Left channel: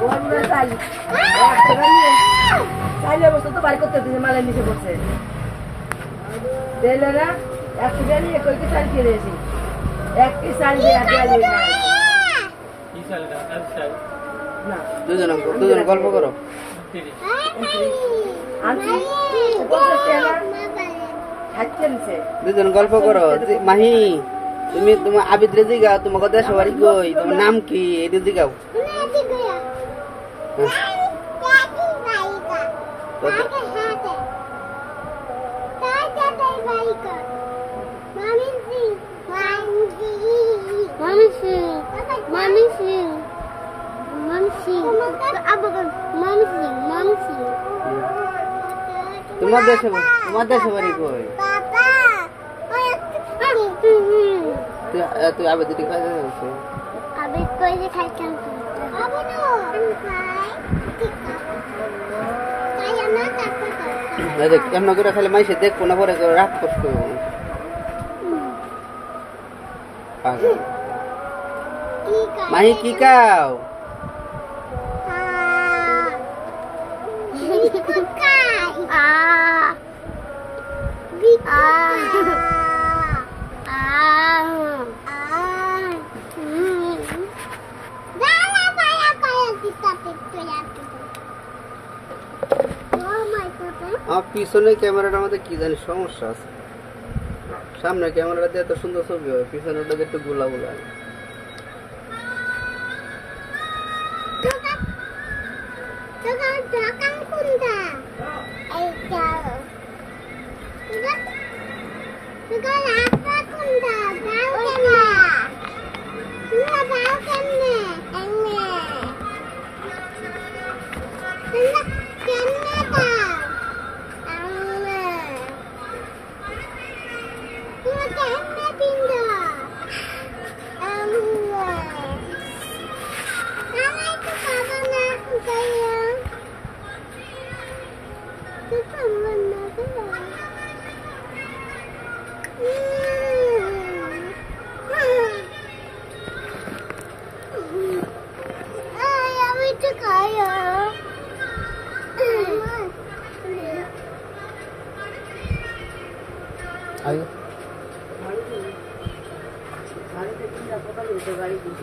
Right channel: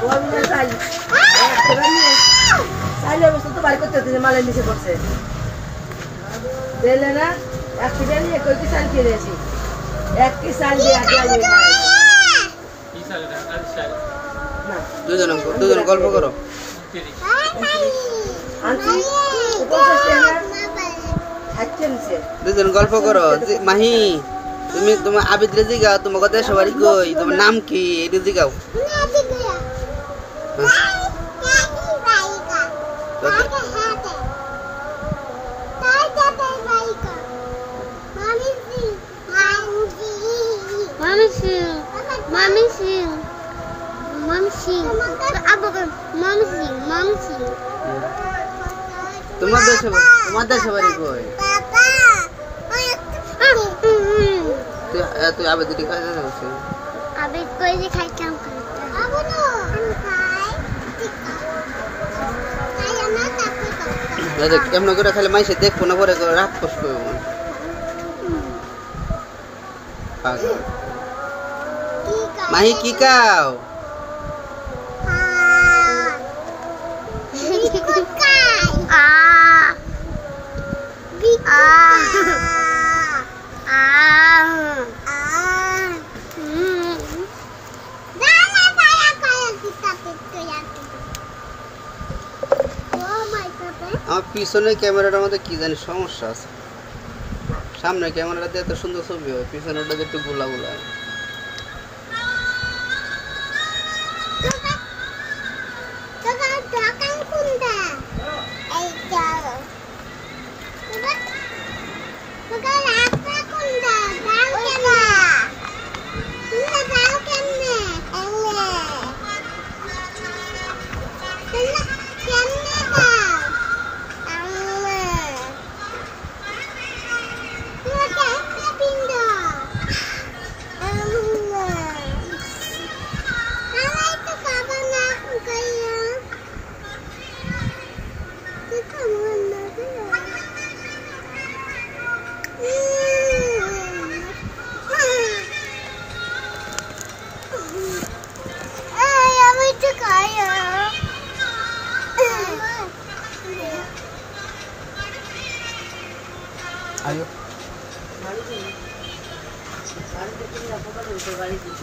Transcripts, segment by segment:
ওর মনে চাই চাইলে বস্তু তো বাড়ি করতে হচ্ছে মালের নিচে পড়ছে দিলে না একটু নিয়ে কই কি চাল কিনেছি একটি চাল দিয়ে আগে দুজন গল্প করো দুজন গল্প করো মাহি তুমি তোমার আবিদ রে জিগাও তোমাকে দেশ বাড়ি কই তোমার নাম কি এটা জিগাও তোমার দেশে বাড়ি কই তুই আবেদ দিকে খাইতে যাচ্ছ আবেদ কই যে খাইতাম আবু না আমি খাই আমরা তারপর দেখ কেমন করে খাইলে মাইসে দেখবো না পরে রাগ কষ্ট মাহি কি কাও আমার পিছনে ক্যামেরাটার মধ্যে কি জানি সমস্যা আছে সামনে ক্যামেরাটা দিয়ে এত সুন্দর ছবি হয় পিছনেটা একটু গোলা গোলা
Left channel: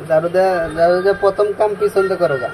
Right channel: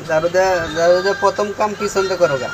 দারুদা প্রথম কাম পিছন তো করোগা